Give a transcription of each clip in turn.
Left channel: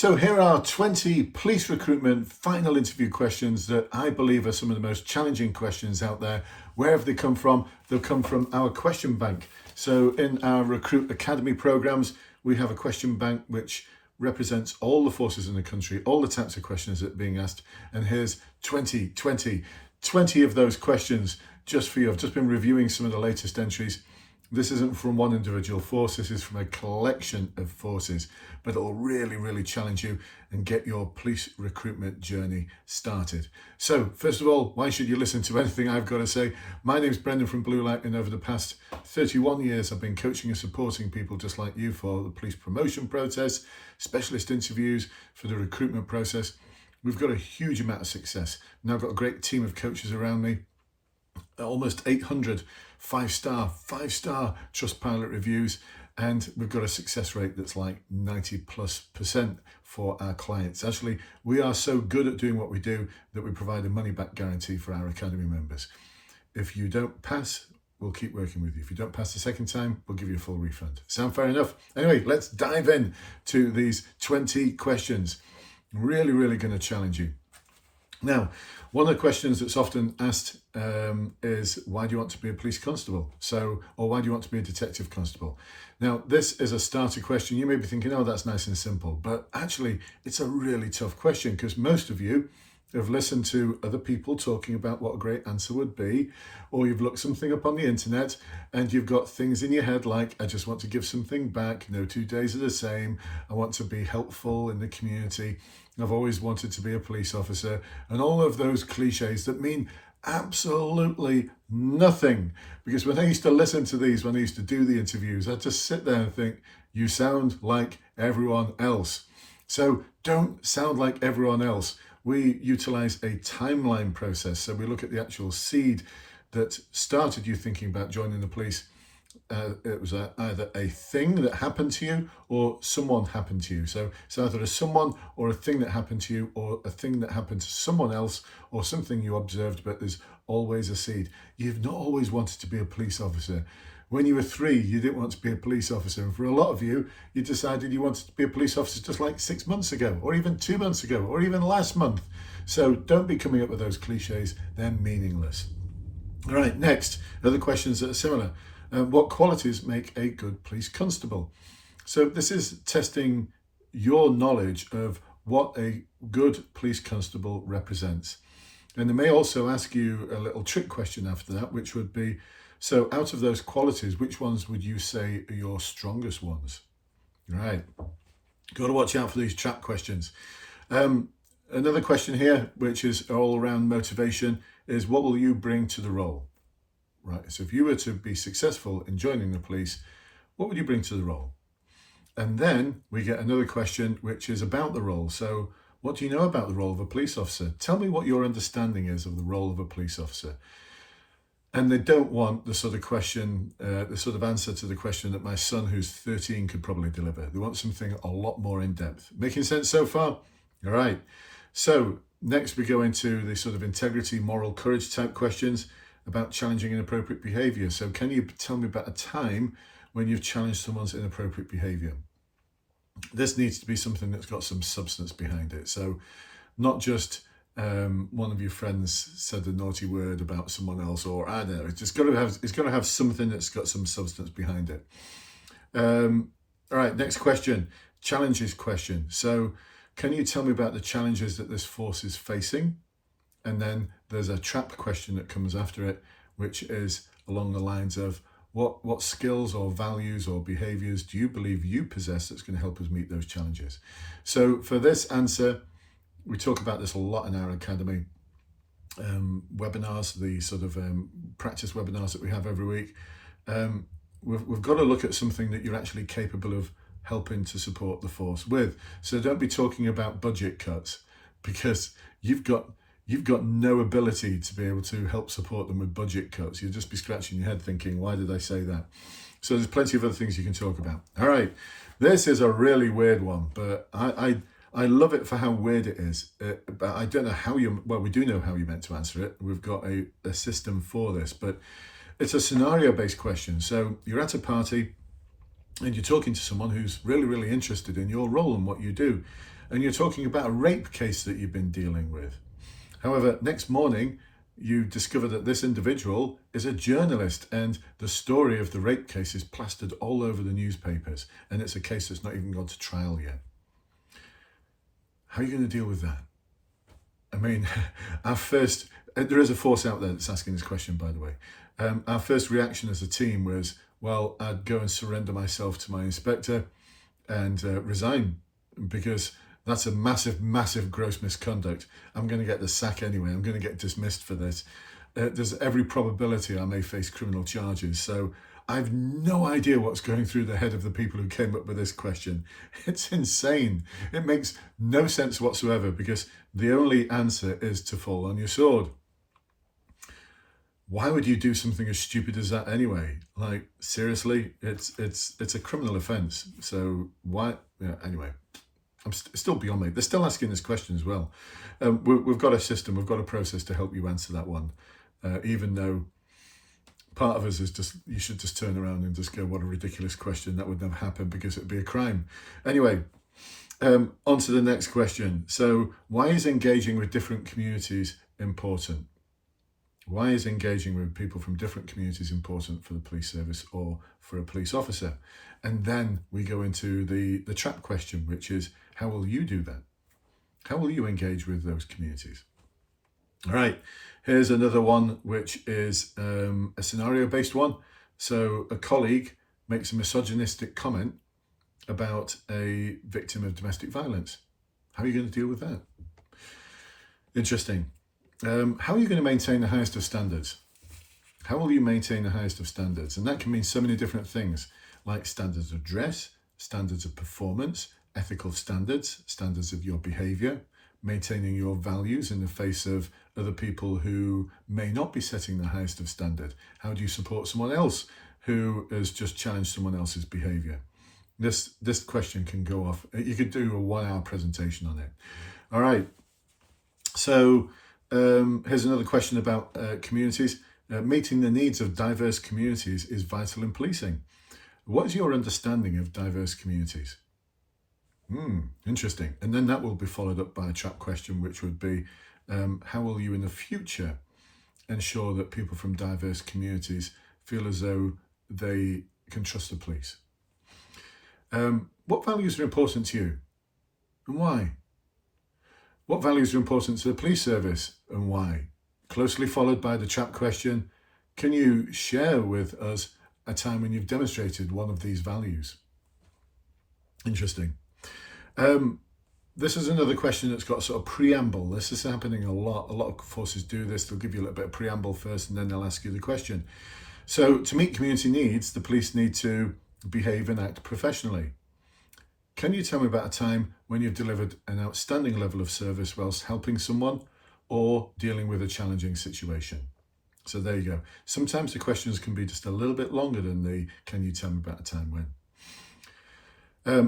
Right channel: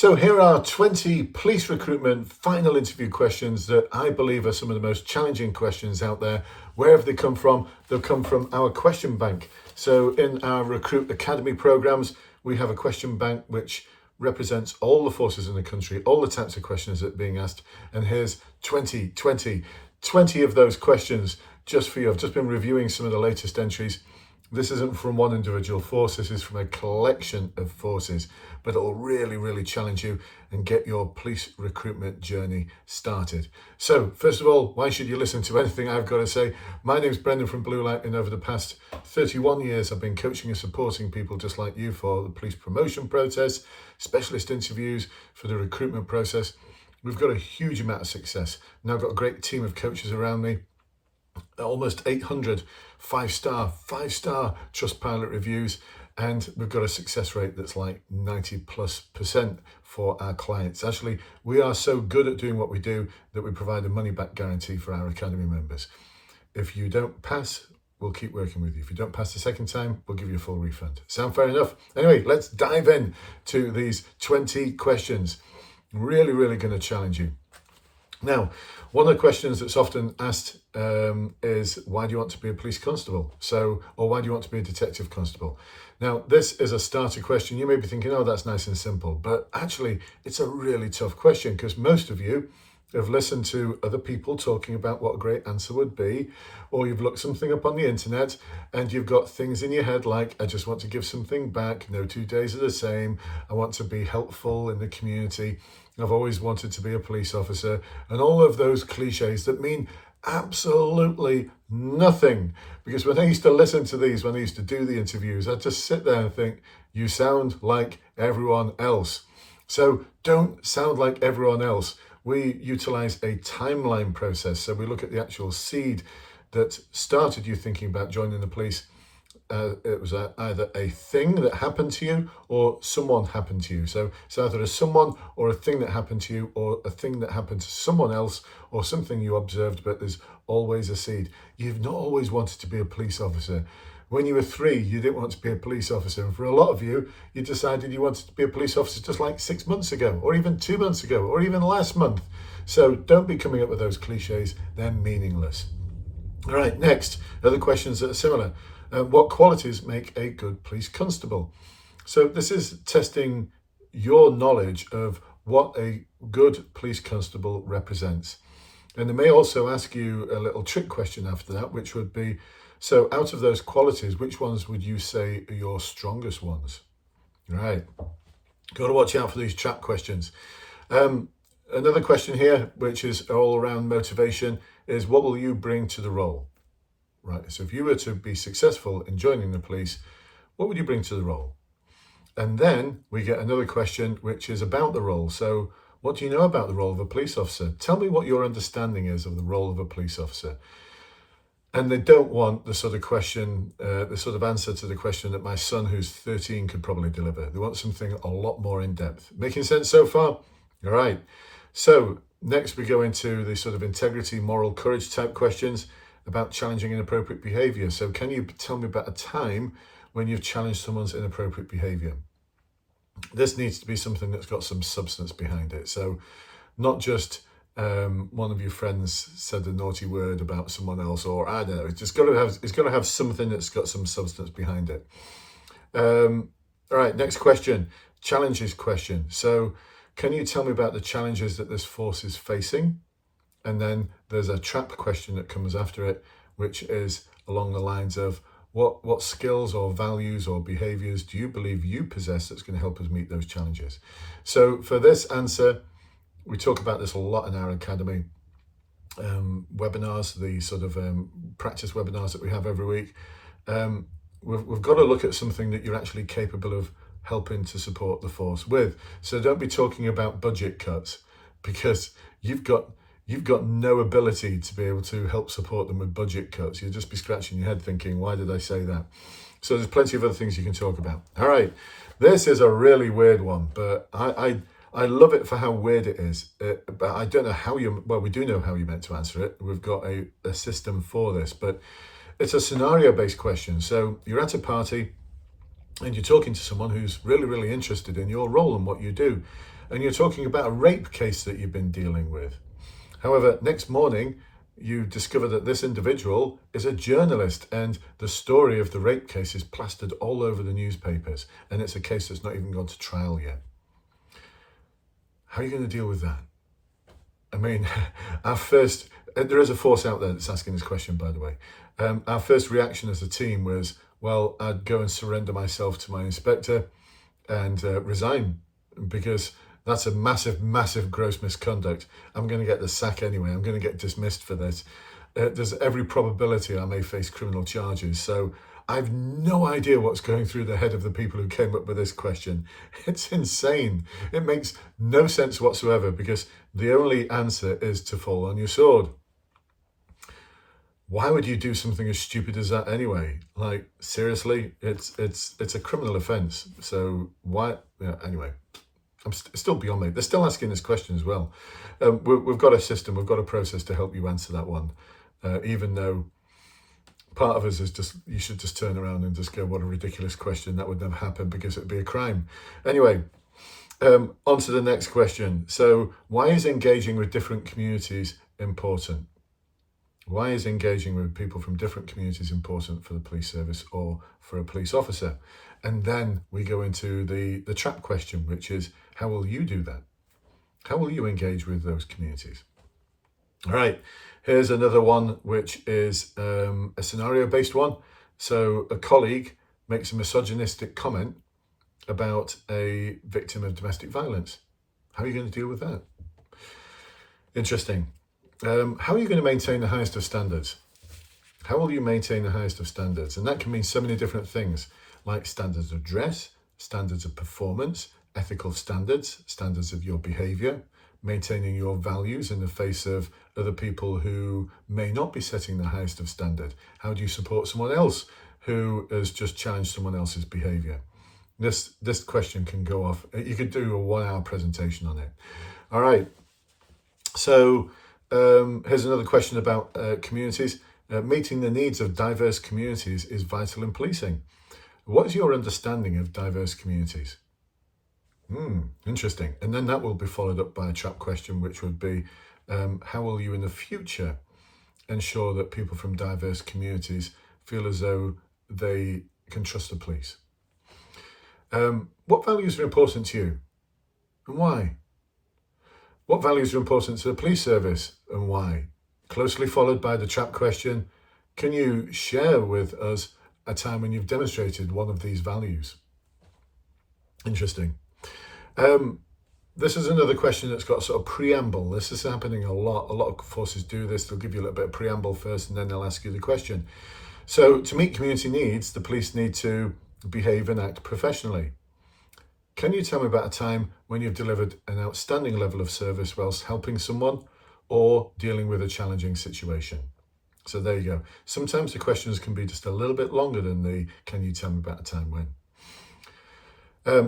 So here are 20 police recruitment final interview questions that I believe are some of the most challenging questions out there. Where have they come from? They've come from our question bank. So in our Recruit Academy programs, we have a question bank which represents all the forces in the country, all the types of questions that are being asked. And here's 20 of those questions just for you. I've just been reviewing some of the latest entries. This isn't from one individual force, this is from a collection of forces, but it'll really challenge you and get your police recruitment journey started. So, first of all, why should you listen to anything I've got to say? My name's Brendan from Blue Light, and over the past 31 years, I've been coaching and supporting people just like you for the police promotion process, specialist interviews, for the recruitment process. We've got a huge amount of success. Now I've got a great team of coaches around me. Almost 800 five-star Trustpilot reviews, and we've got a success rate that's like 90+% for our clients. Actually, we are so good at doing what we do that we provide a money-back guarantee for our Academy members. If you don't pass, we'll keep working with you. If you don't pass the second time, we'll give you a full refund. Sound fair enough? Anyway, let's dive in to these 20 questions. Really going to challenge you. Now, one of the questions that's often asked is, why do you want to be a police constable? Or why do you want to be a detective constable? Now, this is a starter question. You may be thinking, oh, that's nice and simple. But actually, it's a really tough question because most of you have listened to other people talking about what a great answer would be, or you've looked something up on the internet and you've got things in your head like, I just want to give something back, no 2 days are the same, I want to be helpful in the community, I've always wanted to be a police officer, and all of those cliches that mean absolutely nothing. Because when I used to listen to these, when I used to do the interviews, I'd just sit there and think, you sound like everyone else. So don't sound like everyone else. We utilize a timeline process. So we look at the actual seed that started you thinking about joining the police. It was either a thing that happened to you or someone happened to you. So it's either a someone or a thing that happened to you, or a thing that happened to someone else, or something you observed, but there's always a seed. You've not always wanted to be a police officer. When you were 3, you didn't want to be a police officer. And for a lot of you, you decided you wanted to be a police officer just like 6 months ago, or even 2 months ago, or even last month. So don't be coming up with those cliches. They're meaningless. All right, next, other questions that are similar. What qualities make a good police constable? So this is testing your knowledge of what a good police constable represents. And they may also ask you a little trick question after that, which would be, so out of those qualities, which ones would you say are your strongest ones? Right. Got to watch out for these trap questions. Another question here, which is all around motivation, is what will you bring to the role? Right. So if you were to be successful in joining the police, what would you bring to the role? And then we get another question, which is about the role. So what do you know about the role of a police officer? Tell me what your understanding is of the role of a police officer. And they don't want the sort of question, the sort of answer to the question that my son, who's 13, could probably deliver. They want something a lot more in depth. Making sense so far? All right. So next we go into the sort of integrity, moral courage type questions about challenging inappropriate behavior. So can you tell me about a time when you've challenged someone's inappropriate behavior? This needs to be something that's got some substance behind it. So not just one of your friends said a naughty word about someone else, or I don't know. It's got to have something that's got some substance behind it. All right, next question, challenges question. So can you tell me about the challenges that this force is facing? And then there's a trap question that comes after it, which is along the lines of what skills or values or behaviors do you believe you possess that's going to help us meet those challenges? So for this answer, we talk about this a lot in our academy webinars, the sort of practice webinars that we have every week. We've got to look at something that you're actually capable of helping to support the force with. So don't be talking about budget cuts, because you've got no ability to be able to help support them with budget cuts. You'll just be scratching your head thinking, why did I say that? So there's plenty of other things you can talk about. All right, this is a really weird one, but I love it for how weird it is. But I don't know how well, we do know how you're meant to answer it. We've got a system for this, but it's a scenario-based question. So you're at a party, and you're talking to someone who's really, really interested in your role and what you do, and you're talking about a rape case that you've been dealing with. However, next morning, you discover that this individual is a journalist and the story of the rape case is plastered all over the newspapers, and it's a case that's not even gone to trial yet. How are you going to deal with that? I mean, there is a force out there that's asking this question, by the way. Our first reaction as a team was, well, I'd go and surrender myself to my inspector and resign, because that's a massive, massive gross misconduct. I'm going to get the sack anyway. I'm going to get dismissed for this. There's every probability I may face criminal charges. So I've no idea what's going through the head of the people who came up with this question. It's insane. It makes no sense whatsoever, because the only answer is to fall on your sword. Why would you do something as stupid as that anyway? Like, seriously, it's a criminal offence. So why? Yeah, anyway. I'm still beyond me. They're still asking this question as well. We've got a system, we've got a process to help you answer that one. Even though part of us is just, you should just turn around and just go, what a ridiculous question. That would never happen because it'd be a crime. Anyway, on to the next question. So why is engaging with different communities important? Why is engaging with people from different communities important for the police service or for a police officer? And then we go into the trap question, which is, how will you do that? How will you engage with those communities? All right, here's another one, which is a scenario-based one. So a colleague makes a misogynistic comment about a victim of domestic violence. How are you going to deal with that? Interesting. How are you going to maintain the highest of standards? How will you maintain the highest of standards? And that can mean so many different things, like standards of dress, standards of performance, ethical standards, standards of your behavior, maintaining your values in the face of other people who may not be setting the highest of standard. How do you support someone else who has just challenged someone else's behavior? This question can go off. You could do a 1-hour presentation on it. All right. So here's another question about communities. Meeting the needs of diverse communities is vital in policing. What is your understanding of diverse communities? Interesting. And then that will be followed up by a trap question, which would be, how will you in the future ensure that people from diverse communities feel as though they can trust the police? What values are important to you and why? What values are important to the police service and why? Closely followed by the trap question, can you share with us a time when you've demonstrated one of these values? Interesting. This is another question that's got a sort of preamble. This is happening a lot. A lot of forces do this. They'll give you a little bit of preamble first and then they'll ask you the question. So to meet community needs, the police need to behave and act professionally. Can you tell me about a time when you've delivered an outstanding level of service whilst helping someone or dealing with a challenging situation? So there you go. Sometimes the questions can be just a little bit longer than the can you tell me about a time when.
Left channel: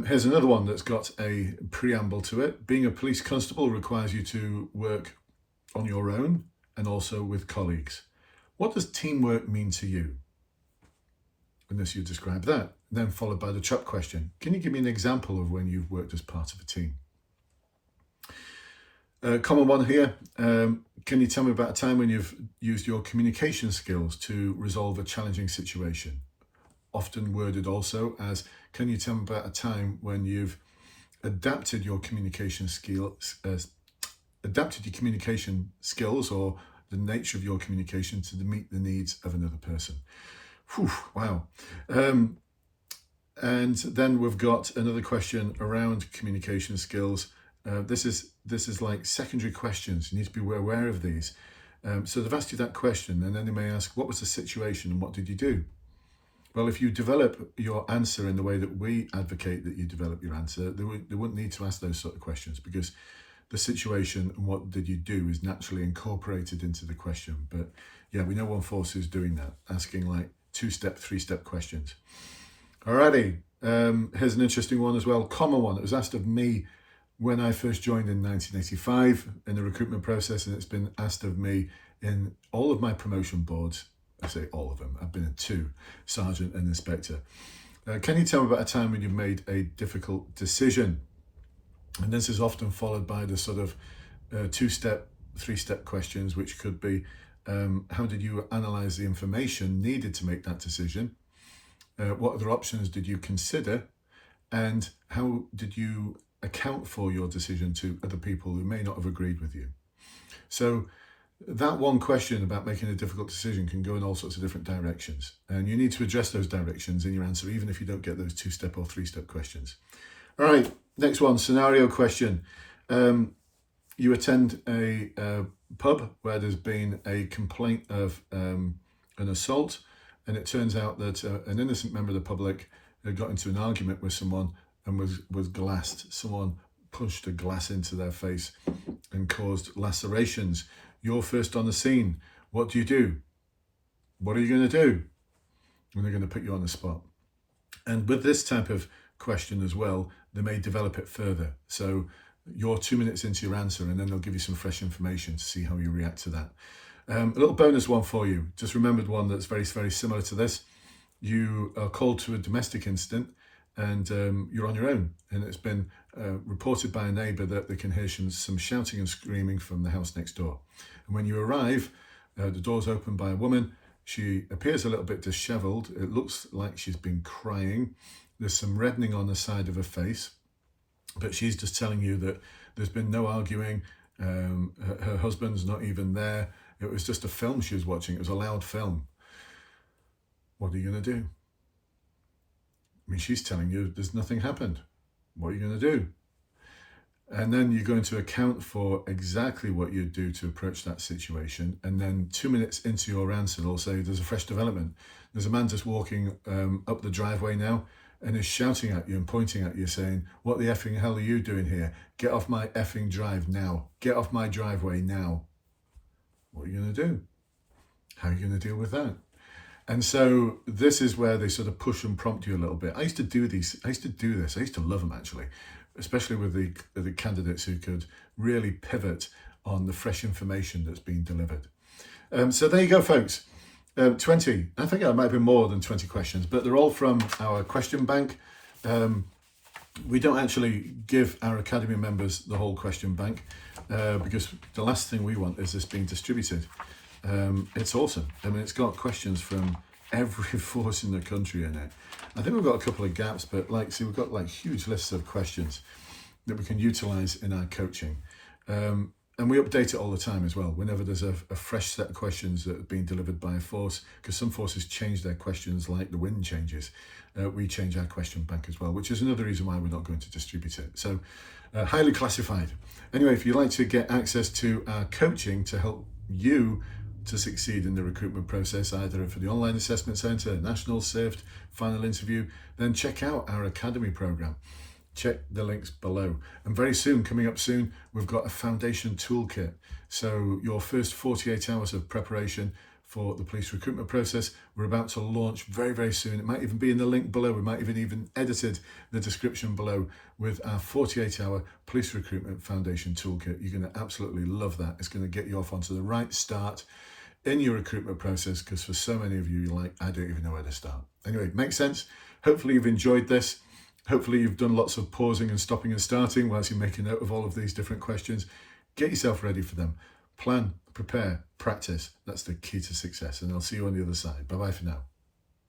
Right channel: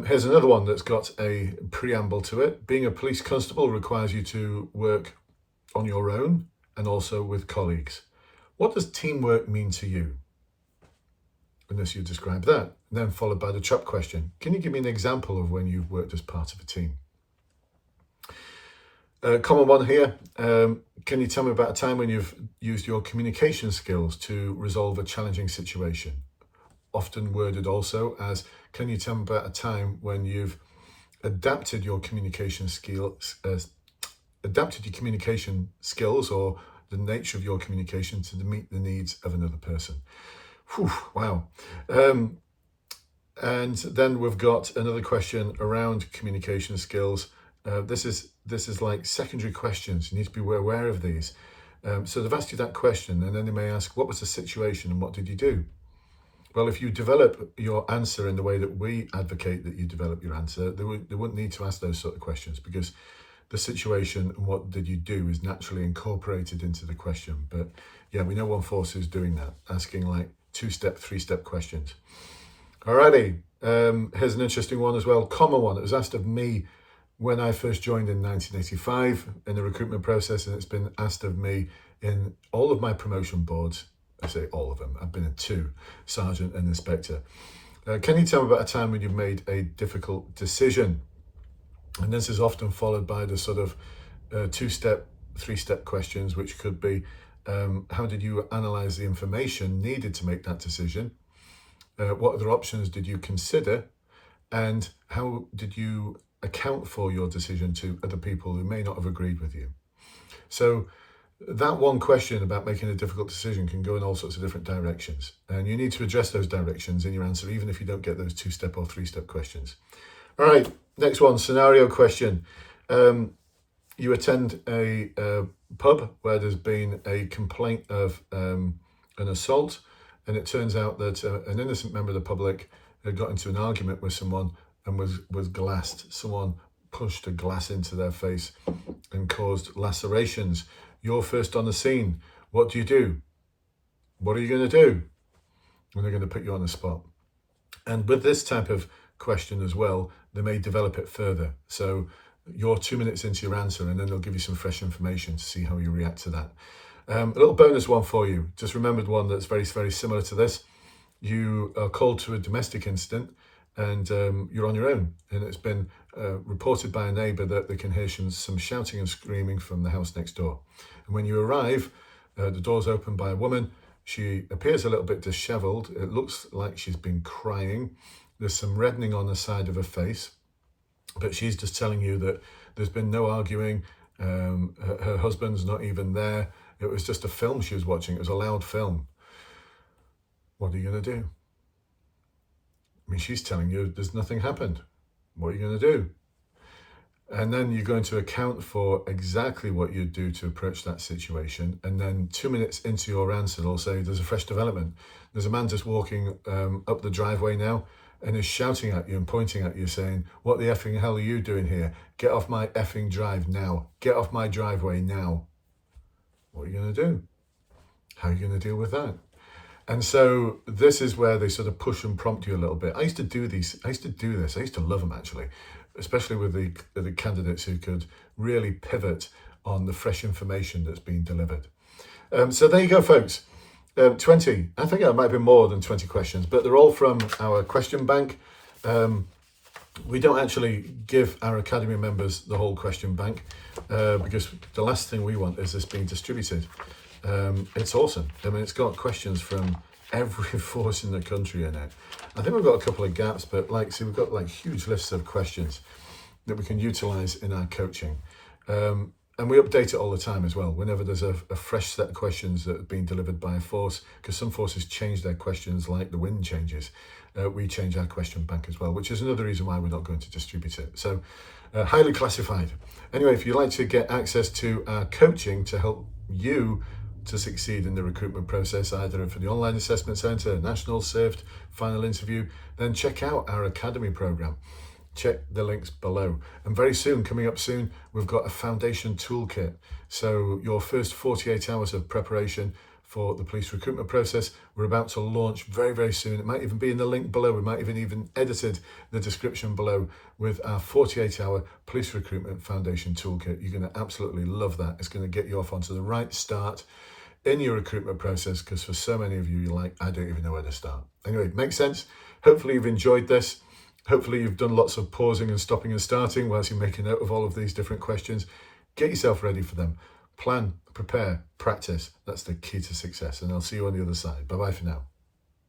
Here's another one that's got a preamble to it. Being a police constable requires you to work on your own and also with colleagues. What does teamwork mean to you? Unless you describe that. And then followed by the trap question. Can you give me an example of when you've worked as part of a team? Common one here. Can you tell me about a time when you've used your communication skills to resolve a challenging situation? Often worded also as, can you tell me about a time when you've adapted your communication skills, or the nature of your communication to meet the needs of another person? Whew, wow. And then we've got another question around communication skills. This is like secondary questions. You need to be aware of these. So they've asked you that question, and then they may ask, what was the situation and what did you do? Well, if you develop your answer in the way that we advocate that you develop your answer, they wouldn't need to ask those sort of questions, because the situation and what did you do is naturally incorporated into the question. But yeah, we know one force who's doing that, asking like 2-step, 3-step questions. Alrighty, here's an interesting one as well, common one. It was asked of me when I first joined in 1985 in the recruitment process, and it's been asked of me in all of my promotion boards. I say all of them. I've been in 2, sergeant and inspector. Can you tell me about a time when you've made a difficult decision? And this is often followed by the sort of two-step, three-step questions, which could be, how did you analyze the information needed to make that decision? What other options did you consider? And how did you account for your decision to other people who may not have agreed with you? So that one question about making a difficult decision can go in all sorts of different directions. And you need to address those directions in your answer, even if you don't get those two-step or three-step questions. All right, next one, scenario question. You attend a pub where there's been a complaint of an assault, and it turns out that an innocent member of the public had got into an argument with someone and was glassed. Someone pushed a glass into their face and caused lacerations. You're first on the scene. What do you do? What are you going to do? And they're going to put you on the spot. And with this type of question as well, they may develop it further. So you're 2 minutes into your answer, and then they'll give you some fresh information to see how you react to that. A little bonus one for you. Just remembered one that's very, very similar to this. You are called to a domestic incident, and you're on your own, and it's been reported by a neighbour that they can hear some shouting and screaming from the house next door. And when you arrive, the door's opened by a woman. She appears a little bit dishevelled. It looks like she's been crying. There's some reddening on the side of her face, but she's just telling you that there's been no arguing. Her husband's not even there. It was just a film she was watching. It was a loud film. What are you going to do? I mean, she's telling you there's nothing happened. What are you going to do? And then you're going to account for exactly what you'd do to approach that situation. And then 2 minutes into your answer, they'll say there's a fresh development. There's a man just walking up the driveway now and is shouting at you and pointing at you saying, what the effing hell are you doing here? Get off my effing drive now. Get off my driveway now. What are you going to do? How are you going to deal with that? And so this is where they sort of push and prompt you a little bit. I used to do this. I used to love them, actually, especially with the candidates who could really pivot on the fresh information that's being delivered. So there you go, folks. 20, I think it might have been more than 20 questions, but they're all from our question bank. We don't actually give our Academy members the whole question bank because the last thing we want is this being distributed. It's awesome. I mean, it's got questions from every force in the country in it. I think we've got a couple of gaps, but we've got huge lists of questions that we can utilize in our coaching. And we update it all the time as well, whenever there's a fresh set of questions that have been delivered by a force, because some forces change their questions like the wind changes. We change our question bank as well, which is another reason why we're not going to distribute it. So highly classified. Anyway, if you'd like to get access to our coaching to help you to succeed in the recruitment process, either for the online assessment centre, national, SIFT, final interview, then check out our Academy program. Check the links below. And very soon, coming up soon, we've got a foundation toolkit. So your first 48 hours of preparation for the police recruitment process, we're about to launch very, very soon. It might even be in the link below. We might even edited the description below with our 48-hour police recruitment foundation toolkit. You're going to absolutely love that. It's going to get you off onto the right start in your recruitment process, because for so many of you, you're like, I don't even know where to start. Anyway, makes sense. Hopefully you've enjoyed this. Hopefully you've done lots of pausing and stopping and starting whilst you make a note of all of these different questions. Get yourself ready for them. Plan, prepare, practice. That's the key to success. And I'll see you on the other side. Bye-bye for now.